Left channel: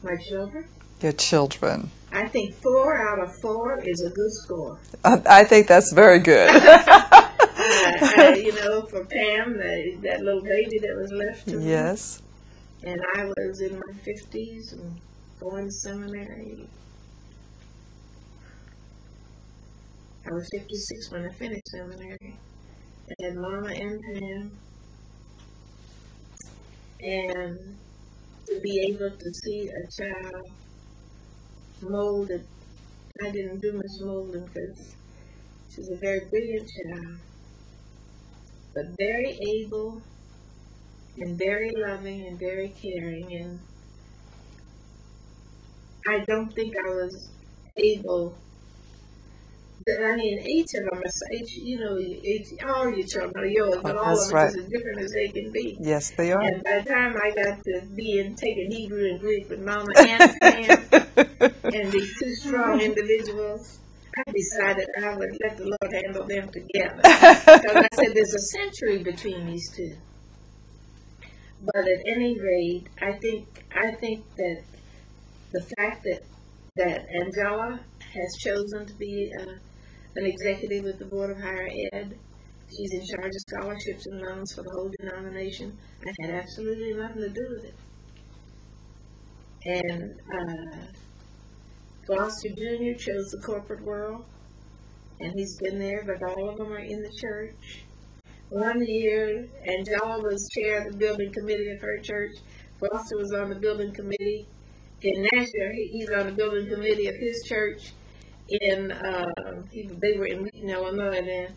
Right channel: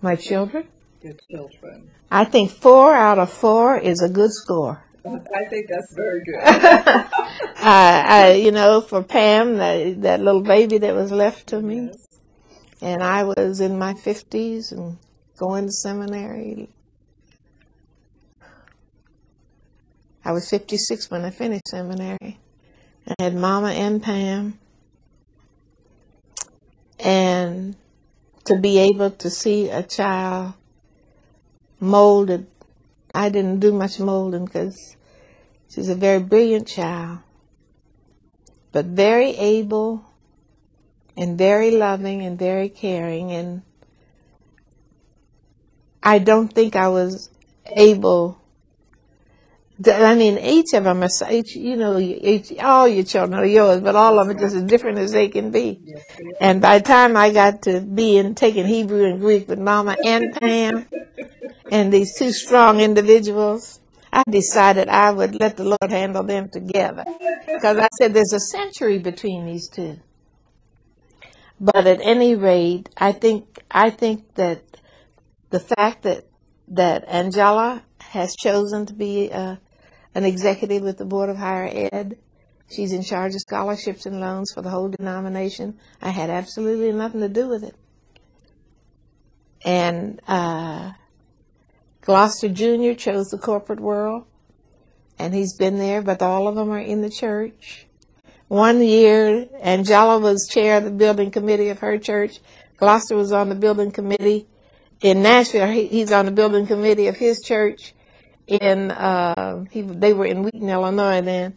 My children? Your children. I think 4 out of 4 is a good score. I think that's very good. You know, for Pam, that little baby that was left to me. Yes. And I was in my 50s and going to seminary. I was 56 when I finished seminary. I had Mama and Pam. And to be able to see a child molded, I didn't do much molding because she's a very brilliant child, but very able and very loving and very caring. And I don't think I was able I mean, each of them are, you know, all your children are yours, but all of them are just as different as they can be. Yes, they are. And by the time I got to taking Hebrew and Greek with Mama and Pam, and these two strong individuals, I decided I would let the Lord handle them together. Because I said there's a century between these two. But at any rate, I think that the fact that Angela has chosen to be an executive with the Board of Higher Ed. She's in charge of scholarships and loans for the whole denomination. I had absolutely nothing to do with it. And Gloucester Jr. chose the corporate world, and he's been there, but all of them are in the church. One year, Angela was chair of the building committee of her church. Gloucester was on the building committee. In Nashville, he's on the building committee of his church. They were in Wheaton, Illinois then.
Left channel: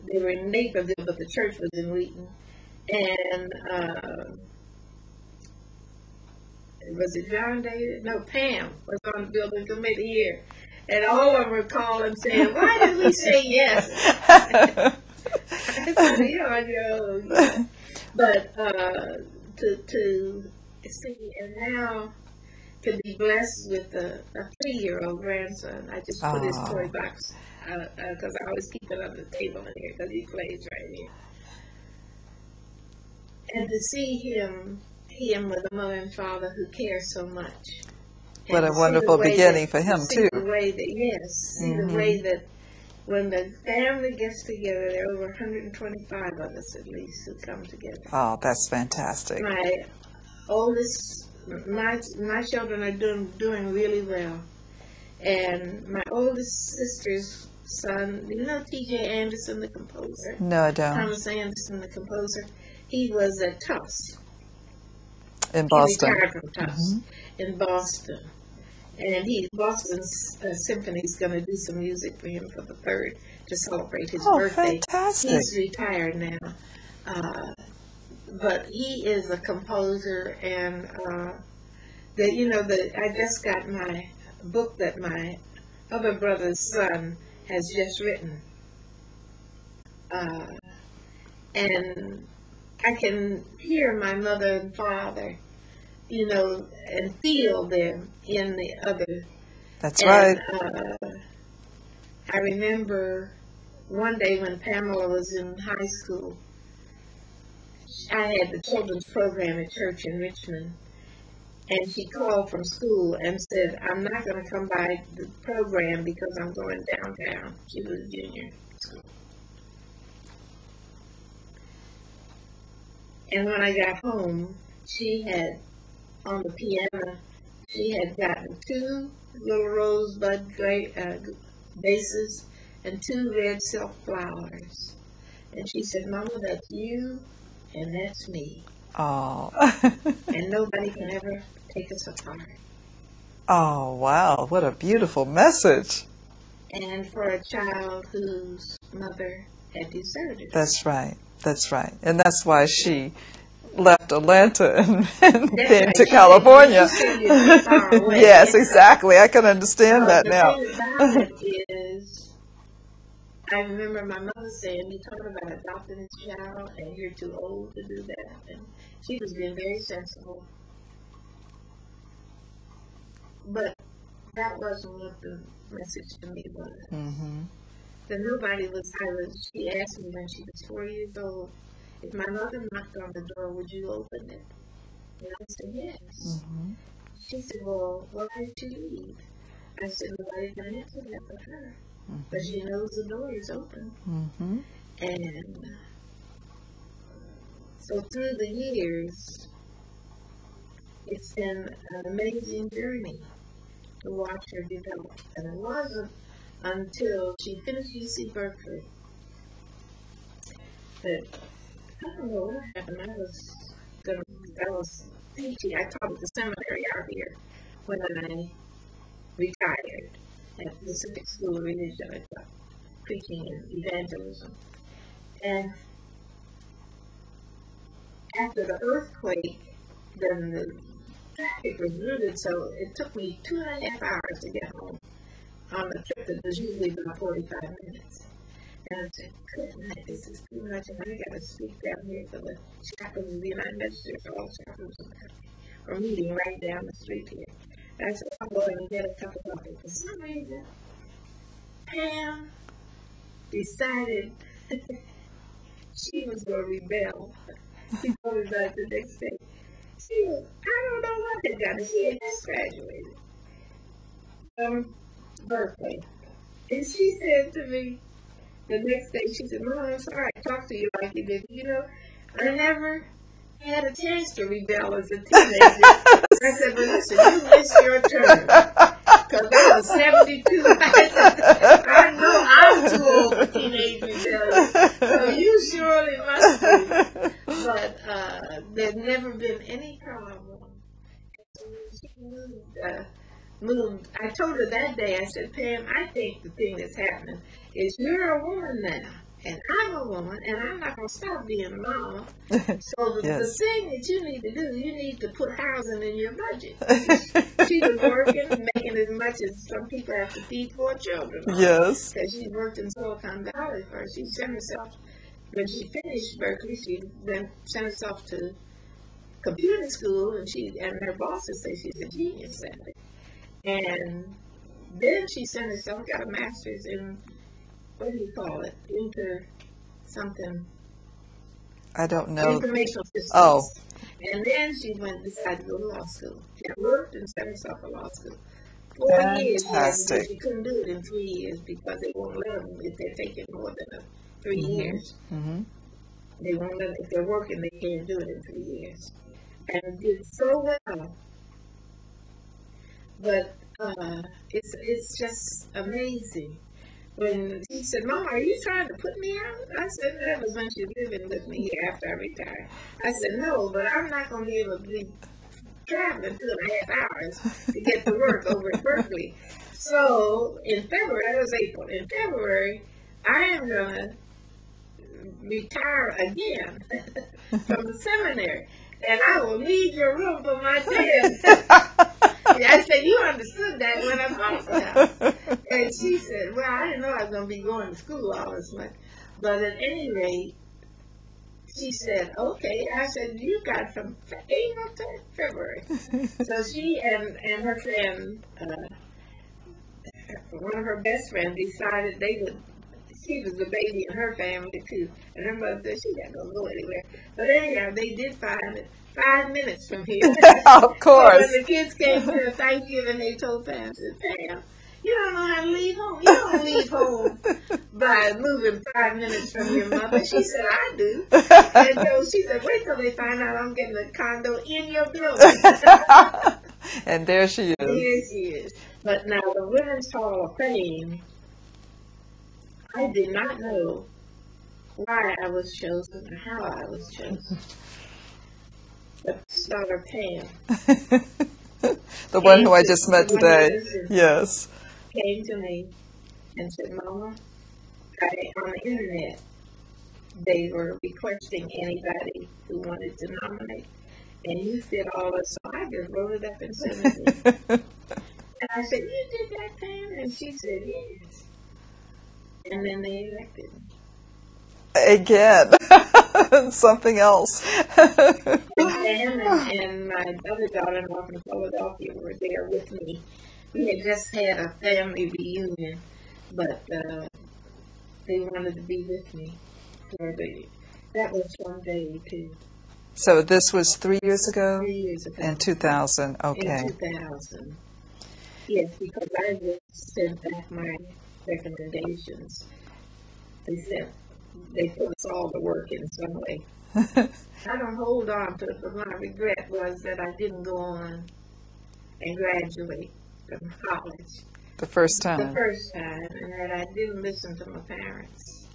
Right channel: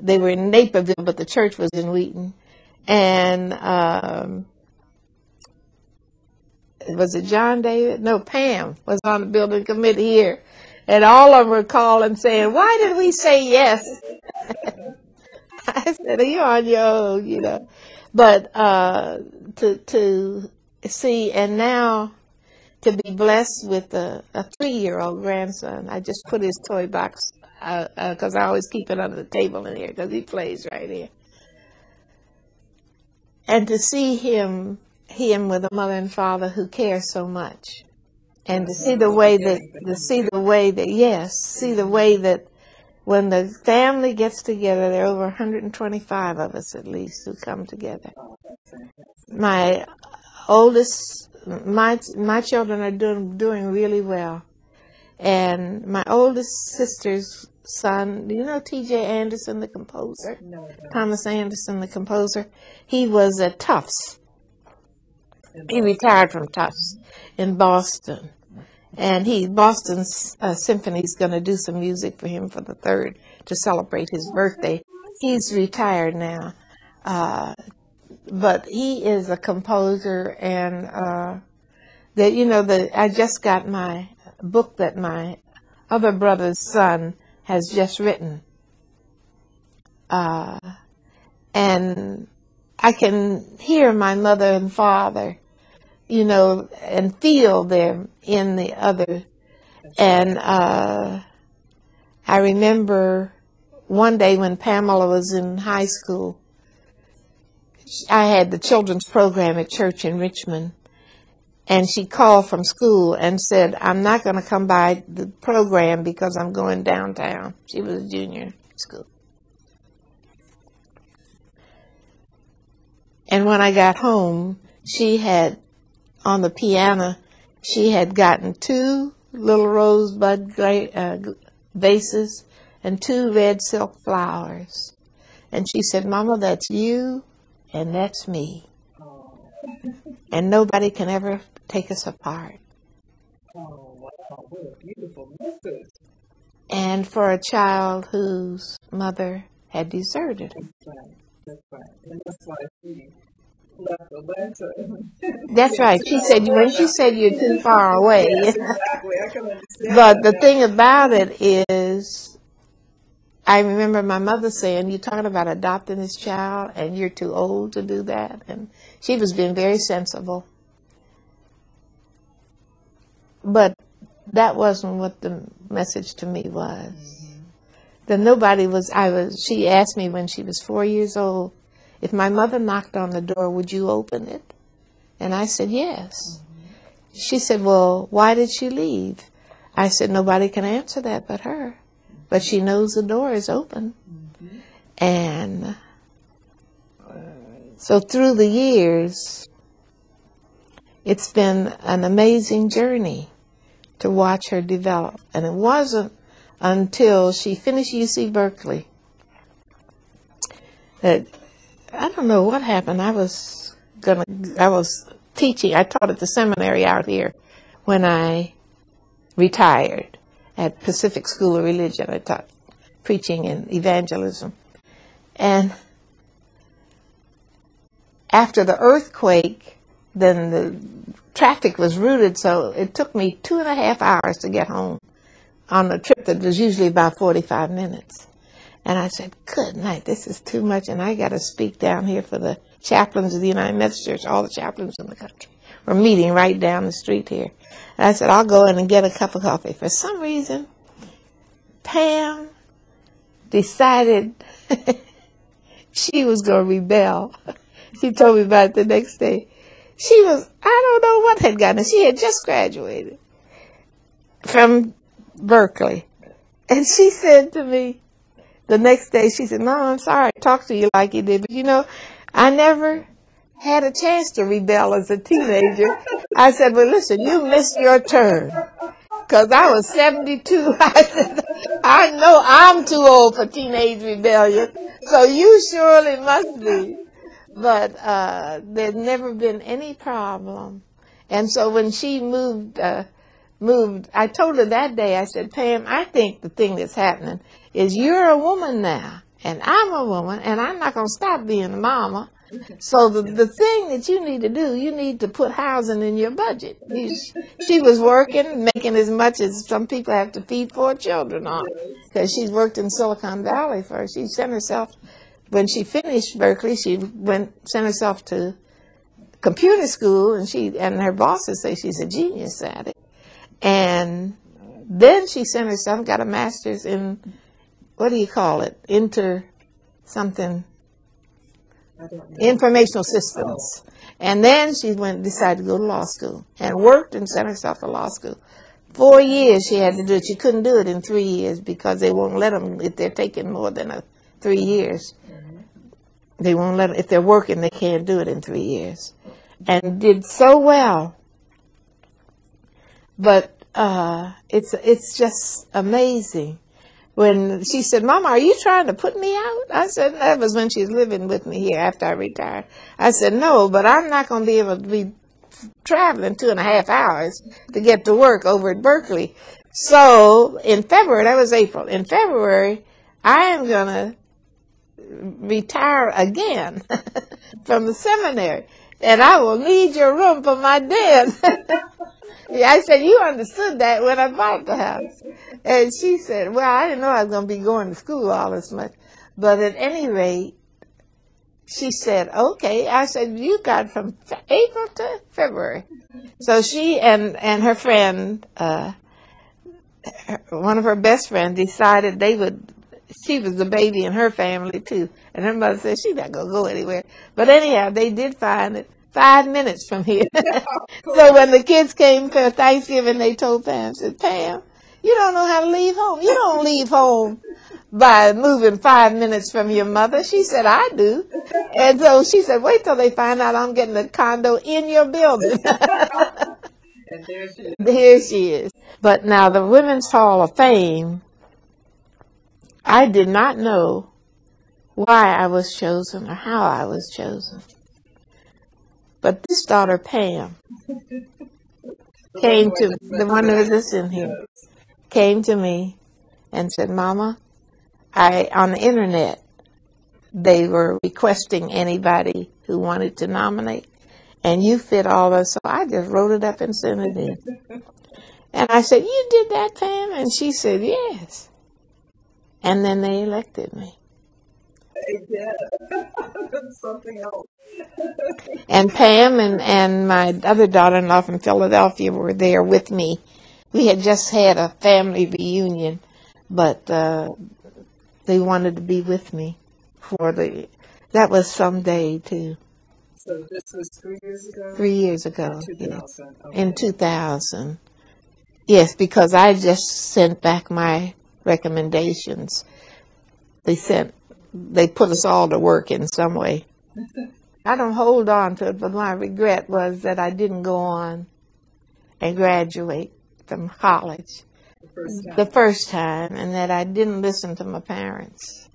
They were in Naperville, but the church was in Wheaton. And was it John David? No, Pam was on the building committee here. And all of them were calling saying, why did we say yes? I said, you're on your own. Yeah. But to see, and now to be blessed with a 3-year-old grandson. I just put his toy box because I always keep it under the table in here because he plays right here. And to see him with a mother and father who care so much. And what a to wonderful see the way beginning that, for him, see too. the way that, yes, see the way that when the family gets together, there are over 125 of us at least who come together. Oh, that's fantastic. My oldest, my children are doing really well. And my oldest sister's son, do you know T.J. Anderson, the composer? No, I don't. Thomas Anderson, the composer. He was at Tufts. In Boston. He retired from Tufts in Boston. And Boston's Symphony is going to do some music for him for the 3rd to celebrate his birthday. Fantastic. He's retired now. But he is a composer, and I just got my book that my other brother's son has just written. And I can hear my mother and father, and feel them in the other. That's right. And I remember one day when Pamela was in high school, I had the children's program at church in Richmond, and she called from school and said, I'm not going to come by the program because I'm going downtown. She was a junior in school. And when I got home, she had, on the piano, she had gotten 2 little rosebud vases and 2 red silk flowers. And she said, Mama, that's you and that's me. Oh. And nobody can ever take us apart. Oh, wow. What a beautiful message. And for a child whose mother had deserted her. That's right. That's right. And that's why she left Atlanta and that's came right. to California. She said you're too far away. Yes, exactly. I can understand that But the now. thing about it is, I remember my mother saying, you're talking about adopting this child and you're too old to do that. And she was being very sensible. But that wasn't what the message to me was. That nobody was, she asked me when she was 4 years old, if my mother knocked on the door, would you open it? And I said, yes. she said, well, why did she leave? I said, nobody can answer that but her. But she knows the door is open. Mm-hmm. And so through the years, it's been an amazing journey to watch her develop. And it wasn't until she finished UC Berkeley that, I don't know what happened. I was teaching. I taught at the seminary out here when I retired at Pacific School of Religion. I taught preaching and evangelism. And after the earthquake, then the traffic was routed, so it took me 2.5 hours to get home on a trip that was usually about 45 minutes. And I said, good night, this is too much, and I got to speak down here for the chaplains of the United Methodist Church. All the chaplains in the country were meeting right down the street here. And I said, I'll go in and get a cup of coffee. For some reason, Pam decided she was going to rebel. She told me about it the next day. She was, I don't know what had gotten her. She had just graduated from Berkeley. And she said to me the next day, she said, Mom, I'm sorry I talked to you like you did, but you know, I never had a chance to rebel as a teenager. I said, well, listen, you missed your turn. Because I was 72. I said, I know I'm too old for teenage rebellion. So you surely must be. But there's never been any problem. And so when she moved, I told her that day, I said, Pam, I think the thing that's happening is you're a woman now, and I'm a woman, and I'm not going to stop being a mama. So the thing that you need to do, you need to put housing in your budget. She was working, making as much as some people have to feed 4 children on. Yes. Because she's worked in Silicon Valley first. She sent herself, when she finished Berkeley, she sent herself to computer school, and her bosses say she's a genius at it. And then she sent herself, got a master's in, what do you call it? I don't know. Informational systems. Oh. And then she decided to go to law school and worked and sent herself to law school. 4 years she had to do it. She couldn't do it in 3 years because they won't let them if they're taking more than 3 years. Mm-hmm. They won't let them, if they're working, they can't do it in 3 years. And did so well. But it's just amazing. When she said, Mama, are you trying to put me out? I said, that was when she was living with me here after I retired. I said, no, but I'm not going to be able to be traveling 2.5 hours to get to work over at Berkeley. So in February, that was April, in February, I am going to retire again from the seminary. And I will need your room for my den. I said, you understood that when I bought the house. And she said, well, I didn't know I was going to be going to school all this much. But at any rate, she said, okay. I said, you got from April to February. So she and her friend, one of her best friends, decided she was the baby in her family too. And her mother said, she's not going to go anywhere. But anyhow, they did find it 5 minutes from here. Of course. So when the kids came for Thanksgiving, they told Pam, said, Pam, you don't know how to leave home. You don't leave home by moving 5 minutes from your mother. She said, I do. And so she said, wait till they find out I'm getting a condo in your building. And there she is. Here she is. But now the Women's Hall of Fame, I did not know why I was chosen or how I was chosen. But this daughter, Pam, the one who I just met today, yes, came to me and said, Mama, on the internet, they were requesting anybody who wanted to nominate, and you fit all those, so I just wrote it up and sent it in. And I said, you did that, Pam? And she said, yes. And then they elected me. Again, something else. And Pam and my other daughter-in-law from Philadelphia were there with me. We had just had a family reunion, but they wanted to be with me that was some day too. So this was 3 years ago? 3 years ago. In 2000, yeah. okay. In 2000. Yes, because I just sent back my recommendations. They put us all to work in some way. I don't hold on to it, but my regret was that I didn't go on and graduate from college. The first time? The first time, and that I didn't listen to my parents,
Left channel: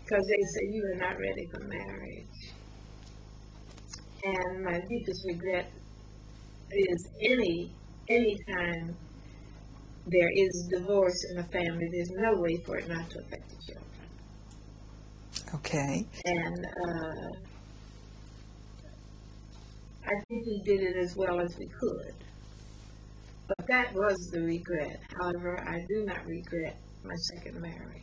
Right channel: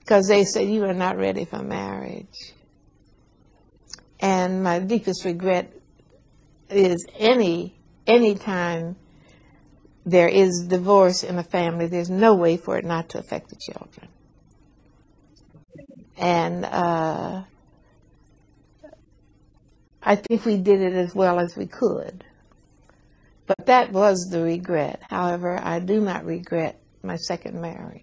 because they said, you are not ready for marriage. And my deepest regret is any time there is divorce in a family, there's no way for it not to affect the children. Okay. And I think we did it as well as we could. But that was the regret. However, I do not regret my second marriage.